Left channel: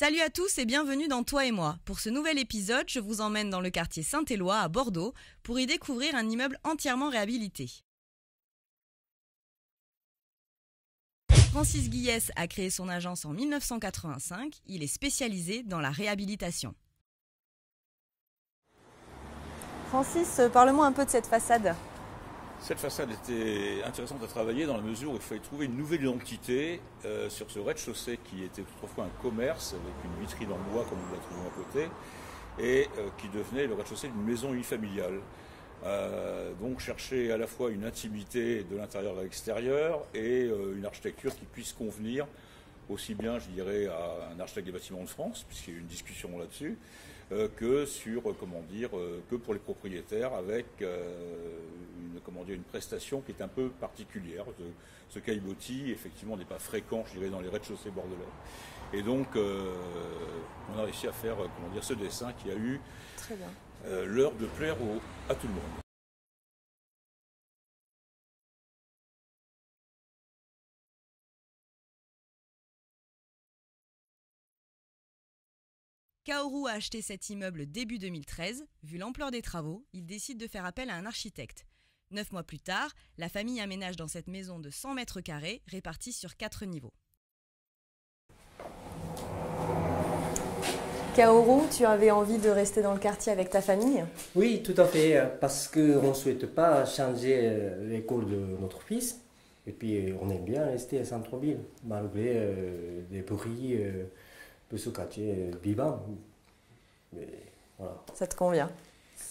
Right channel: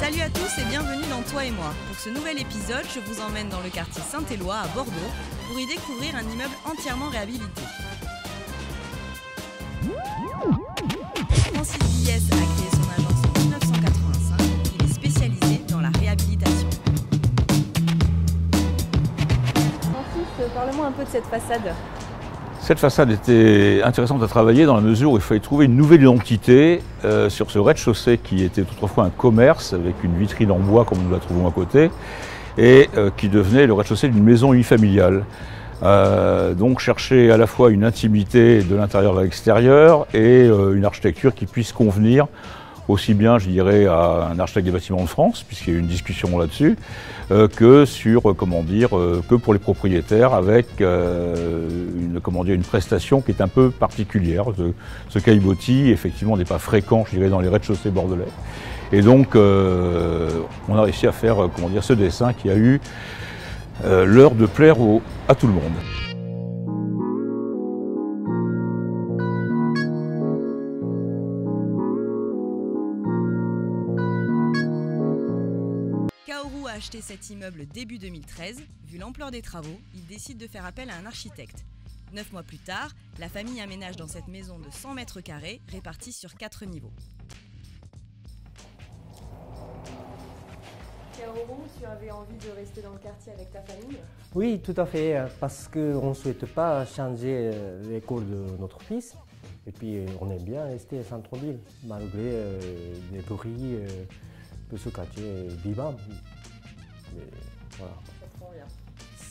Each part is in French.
Salut à tous et bienvenue dans Toi et moi. Pour ce nouvel épisode, je vous emmène dans le quartier Saint-Éloi à Bordeaux pour y découvrir un immeuble entièrement réhabilité. Francis Guillès a créé son agence en 1985. Il est spécialisé dans la réhabilitation. Francis, parle-moi un peu de cette façade. Cette façade était intéressante à travailler dans la mesure où il fallait trouver une nouvelle identité sur ce rez-de-chaussée qui était autrefois un commerce avec une vitrine en bois comme nous la trouvons à côté et qui devenait le rez-de-chaussée d'une maison unifamiliale. Donc chercher à la fois une intimité de l'intérieur à l'extérieur et une architecture qui puisse convenir aussi bien, je dirais, à un architecte des bâtiments de France, puisqu'il y a eu une discussion là-dessus, que sur, que pour les propriétaires, avec une prestation qui est un peu particulière. Ce caillebotis, effectivement, n'est pas fréquent, je dirais, dans les rez-de-chaussée bordelais. Et donc, on a réussi à faire, ce dessin qui a eu l'heure de plaire à tout le monde. Kaoru a acheté cet immeuble début 2013. Vu l'ampleur des travaux, il décide de faire appel à un architecte. 9 mois plus tard, la famille aménage dans cette maison de 100 mètres carrés répartie sur 4 niveaux. Kaoru, tu avais envie de rester dans le quartier avec ta famille? Oui, tout à fait, parce qu'on ne souhaite pas changer l'école de notre fils. Et puis, on aime bien rester à centre-ville, malgré les bruits de ce quartier vivant. Mais, voilà. Ça te convient?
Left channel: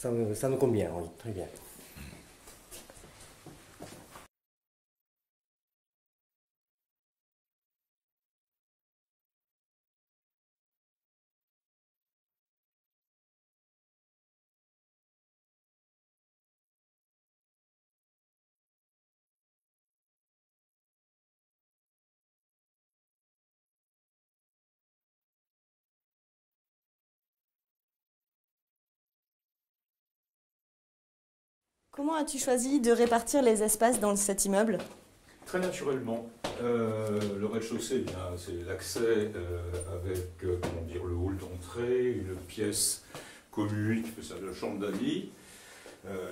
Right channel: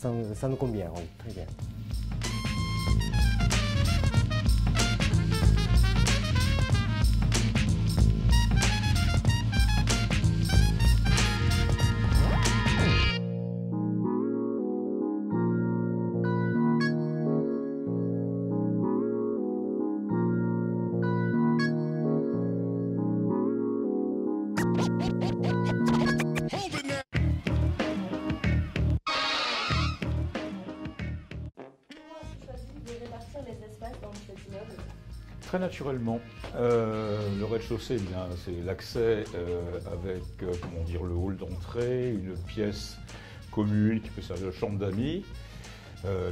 Ça me convient, oui, très bien. Comment as-tu choisi de répartir les espaces dans cet immeuble? Très naturellement. Le rez-de-chaussée, c'est l'accès avec le hall d'entrée, une pièce commune qui fait ça de chambre d'amis,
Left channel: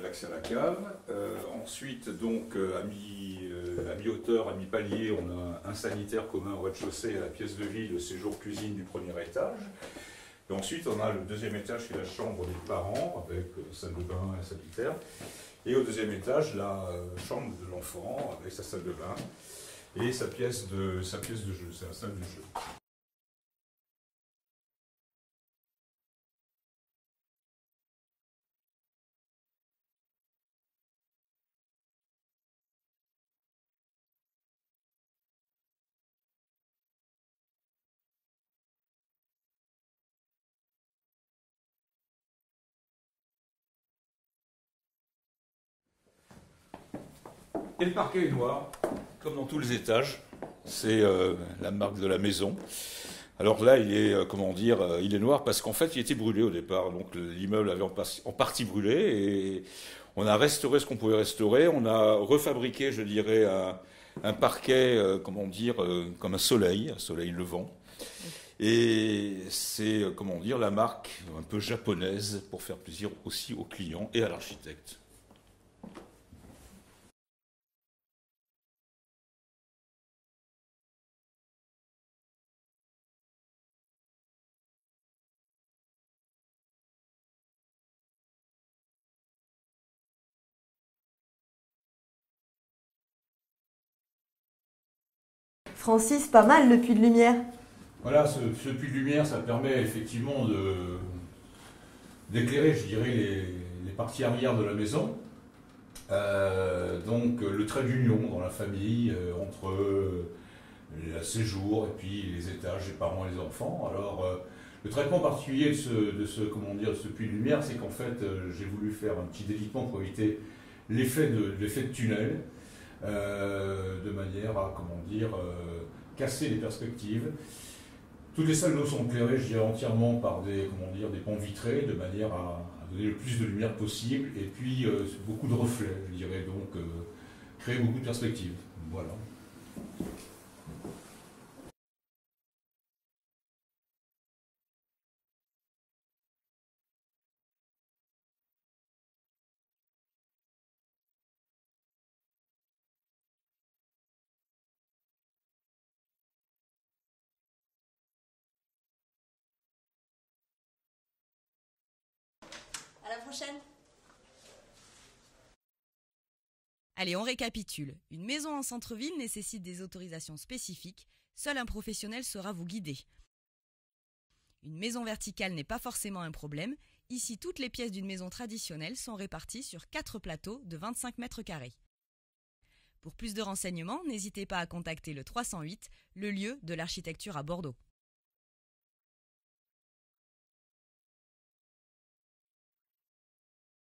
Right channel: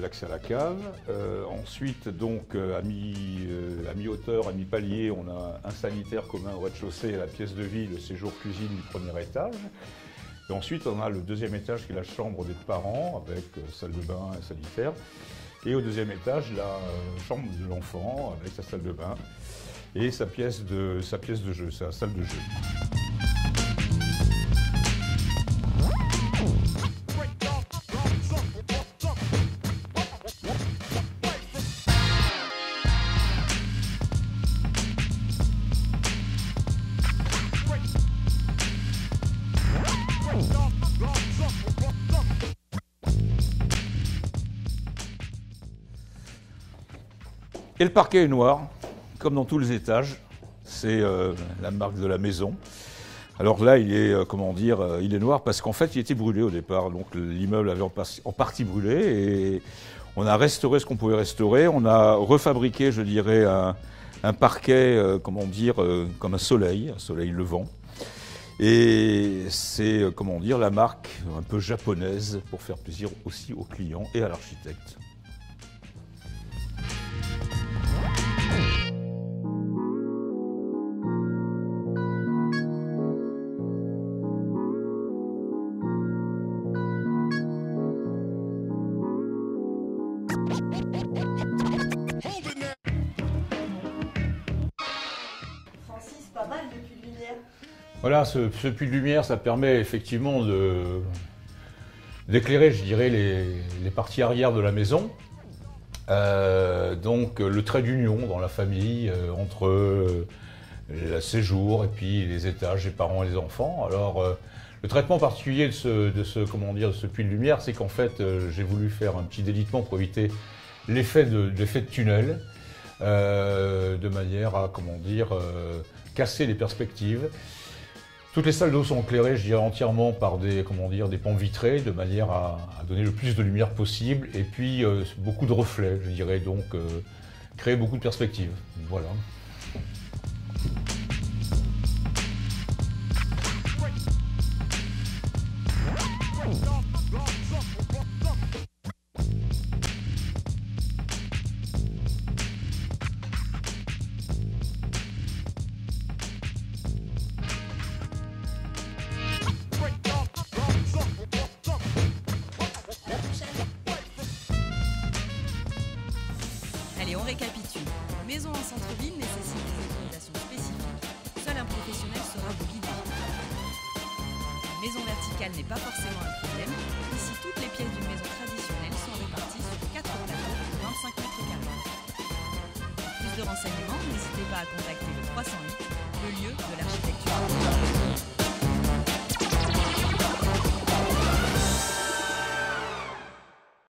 l'accès à la cave. Ensuite, donc, à mi-hauteur, à mi-palier, on a un sanitaire commun au rez-de-chaussée à la pièce de vie, le séjour cuisine du premier étage. Et ensuite, on a le deuxième étage qui est la chambre des parents avec salle de bain et sanitaire. Et au deuxième étage, la chambre de l'enfant avec sa salle de bain et sa pièce de jeu, sa salle de jeu. Et le parquet est noir, comme dans tous les étages. C'est la marque de la maison. Alors là, il est, il est noir parce qu'en fait, il était brûlé au départ. Donc l'immeuble avait en partie brûlé et on a restauré ce qu'on pouvait restaurer. On a refabriqué, je dirais, un parquet, comme un soleil levant. Et c'est, la marque un peu japonaise pour faire plaisir aussi aux clients et à l'architecte. Francis, pas mal le puits de lumière. Voilà, ce puits de lumière, ça permet effectivement d'éclairer, je dirais, les parties arrière de la maison. Donc le trait d'union dans la famille entre le séjour et puis les étages, les parents et les enfants. Alors le traitement particulier de ce puits de lumière, c'est qu'en fait j'ai voulu faire un petit délitement pour éviter l'effet de tunnel, de manière à casser les perspectives. Toutes les salles d'eau sont éclairées, je dirais, entièrement par des pans vitrés, de manière à donner le plus de lumière possible, et puis beaucoup de reflets, je dirais, donc créer beaucoup de perspectives. Voilà. Allez, on récapitule. Une maison en centre-ville nécessite des autorisations spécifiques. Seul un professionnel saura vous guider. Une maison verticale n'est pas forcément un problème. Ici, toutes les pièces d'une maison traditionnelle sont réparties sur 4 plateaux de 25 mètres carrés. Pour plus de renseignements, n'hésitez pas à contacter le 308, le lieu de l'architecture à Bordeaux.